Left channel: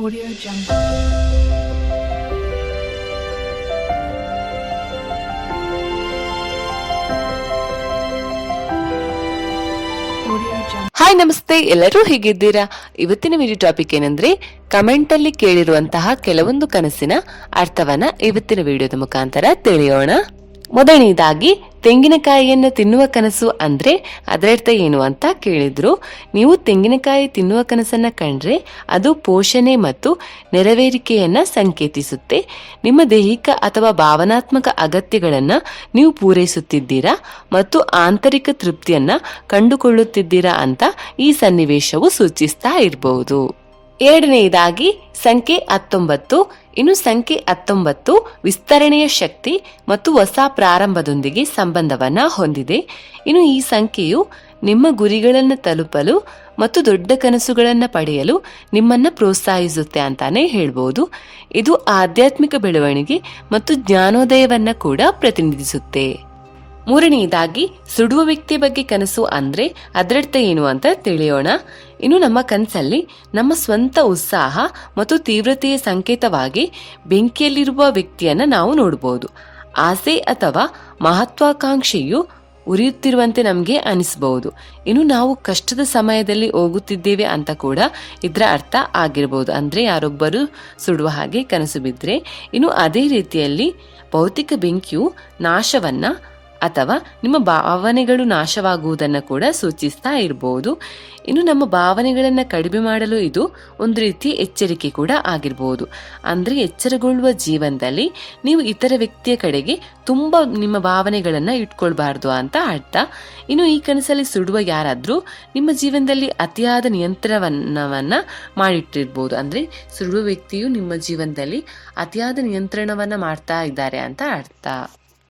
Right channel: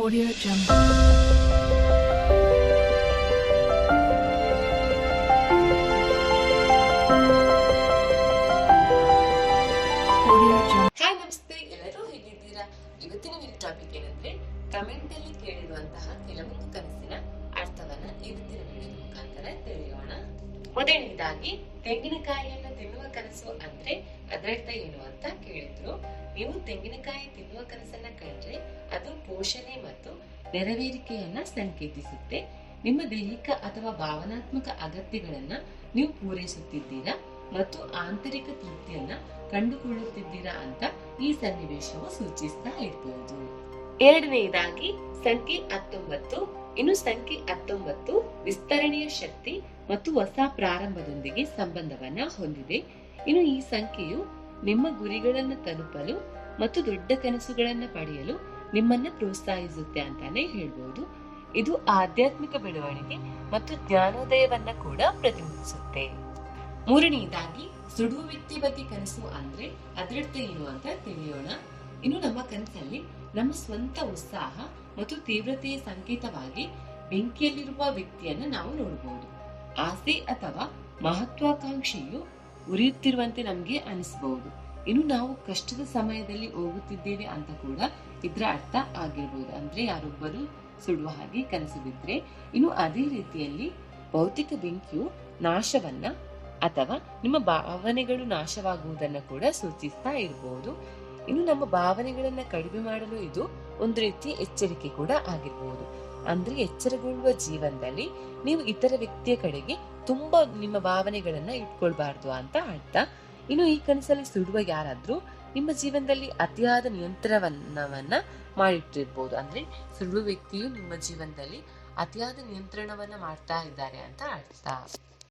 Audio Jungle. Hi ನಮಸ್ತೆ. ಎಲ್ಲರೂ ಹೇಗಿದ್ದೀರಾ? ಇವತ್ತಿನ ವಿಡಿಯೋ ಟಾಪಿಕ್ ಏನಂದ್ರೆ ಕಮೆಂಟ್ ಅಲ್ಲಿ ಕೇಳಿರುವಂತಹ ಕೆಲವೊಂದು ಕನಸಿನ ಅರ್ಥವನ್ನ ಇವತ್ತಿನ ವಿಡಿಯೋದ ಮುಖಾಂತರ ತಿಳಿಯೋಣ. ಮೊದಲನೇದಾಗಿ ತೆಂಗಿನಕಾಯಿಯನ್ನು ತಿನ್ನುವ ಕನಸು ಅಂದರೆ ಅದರರ್ಥ ಏನು ಅಂತ ಕೇಳಿದ್ರು. ನೀವು ತೆಂಗಿನಕಾಯಿ ತಿನ್ನುವ ಕನಸನ್ನು ಕಂಡ್ರೆ ಅದು ಪೋಷಣೆ ಮತ್ತು ನೆರವೇರಿಕೆಯನ್ನು ಸಂಕೇತಿಸುತ್ತೆ. ನಿಮ್ಮ ದೈಹಿಕ ಅಥವಾ ಭಾವನಾತ್ಮಕ ಅಗತ್ಯಗಳನ್ನು ನೀವು ಪೂರೈಸುತ್ತಿದ್ದೀರಾ ಮತ್ತು ಆಂತರಿಕ ತೃಪ್ತಿಯನ್ನು ಕಂಡುಕೊಳ್ಳುತ್ತಿದ್ದೀರಾ ಅಂತ ಈ ಸನ್ನಿವೇಶವು ಸೂಚಿಸ್ತಾ ಇರಬಹುದು ಎರಡನೆಯದಾಗಿ ಸಂಖ್ಯೆ ಹತ್ತೊಂಬತ್ತು, ಇನ್ನು ಸಂಖ್ಯೆ ಹತ್ತೊಂಬತ್ತು ವಿಸ್ತರಣೆಯ ಶಕ್ತಿ ಮತ್ತು ಹೊಸ ಪ್ರಾರಂಭದೊಂದಿಗೆ ಸಂಬಂಧವನ್ನ ಹೊಂದಿದೆ. ಇನ್ನು ಈ ಸಂಖ್ಯೆಯು ನಿಮ್ಮ ಗುರಿಗಳನ್ನು ತಲುಪಲು ಮತ್ತು ದೊಡ್ಡ ಕನಸುಗಳನ್ನು ಪಡೆಯಲು ನಿಮ್ಮನ್ನು ಪ್ರೋತ್ಸಾಹಿಸುತ್ತೆ ಅಂತಾನೆ ಹೇಳ್ಬೋದು. ಇದು ಆಧ್ಯಾತ್ಮಿಕ ಬೆಳವಣಿಗೆ ಮತ್ತು ಜ್ಞಾನೋದಯವನ್ನು ಕೂಡ ಪ್ರತಿನಿಧಿಸುತ್ತೆ. ಮೂರನೆಯದಾಗಿ, ಸುಡುವ ವ್ಯಕ್ತಿಯ ಬಗ್ಗೆ ಕನಸು ಅಂದ್ರೆ ಅದರರ್ಥ ಏನು ಅಂತ ತಿಳಿಯೋಣ. ಇನ್ನು ನಮ್ಮ ಕನಸಲ್ಲಿ ನಮ್ಮ ಸ್ವಂತ ಉತ್ಸಾಹ ಮತ್ತು ತೀವ್ರತೆಯ ಸಂಕೇತವಾಗಿ ಬೆಂಕಿಯಲ್ಲಿರುವ ವ್ಯಕ್ತಿಯನ್ನ ನಾವು ನೋಡಬಹುದು ಆಸೆ ಅಥವಾ ಮಹತ್ವಾಕಾಂಕ್ಷೆಯು ಉರಿಯುತ್ತಿರುವಂತೆ ನಮಗೆ ಅನಿಸಬಹುದು ಇನ್ನು ನಾವು ಕಷ್ಟದ ಸಮಯದಲ್ಲಿ ಹೋಗುತ್ತಿದ್ದೇವೆ ಅಂತ ಕೂಡ ಇದರ ಅರ್ಥ ಆಗಿರಬಹುದು ಅಂದ್ರೆ ಯಾರೊಬ್ಬರು ಸುಡುವ ಹಾಗೆ ಕನಸು ಬಿದ್ದರೆ ಇನ್ನು ಅದೇ ರೀತಿಯಲ್ಲಿ ಭೌತಿಕ ಬೆಂಕಿಯು ನಾಶವನ್ನ ಅಥವಾ ನಿಮ್ಮ ಭಾವನೆಗಳು ನಾಶವಾಗುವುದನ್ನು ಕೂಡ ಸೂಚಿಸ್ತಾ ಇರಬಹುದು ಇನ್ನು ನಮ್ಮ ಭಾವನೆಗಳನ್ನು ಕಡಿಮೆ ಮಾಡಲು ಇದು ಒಂದು ರೀತಿ ಎಚ್ಚರಿಕೆ ಕೂಡ ಆಗಿರ್ಬೋದು. ಅಂದರೆ ಎಚ್ಚರಗೊಳ್ಳುವ ಜೀವನದಲ್ಲಿ ನೀವು ಇತರ ವ್ಯಕ್ತಿಯ ಕಡೆಗೆ ತುಂಬ ನಿಮ್ಮ ಭಾವನೆಗಳನ್ನು ಇಟ್ಕೊಳ್ಬಾರ್ದು ಅಂತ ಅರ್ಥ. ಇನ್ನು ಈ ಕನಸಲ್ಲಿ ಸುಡುವ ಯಾರಾದರೂ ನಿಮ್ಮ ಜೀವನದಲ್ಲಿ ಅತಿಯಾದ ನಿಯಂತ್ರಣವನ್ನು ಮಾಡಿಟ್ಟಿರ್ಬೋದು. ಅಂದರೆ ಸುಡುವ ವ್ಯಕ್ತಿಯು ನಿಮ್ಮ ಜೀವನದಲ್ಲಿ ಅತಿಯಾದ ನಿಯಂತ್ರಣವನ್ನು ಮಾಡ್ತಾ ಇದ್ದಾರೆ ಅಂತ ಅರ್ಥ.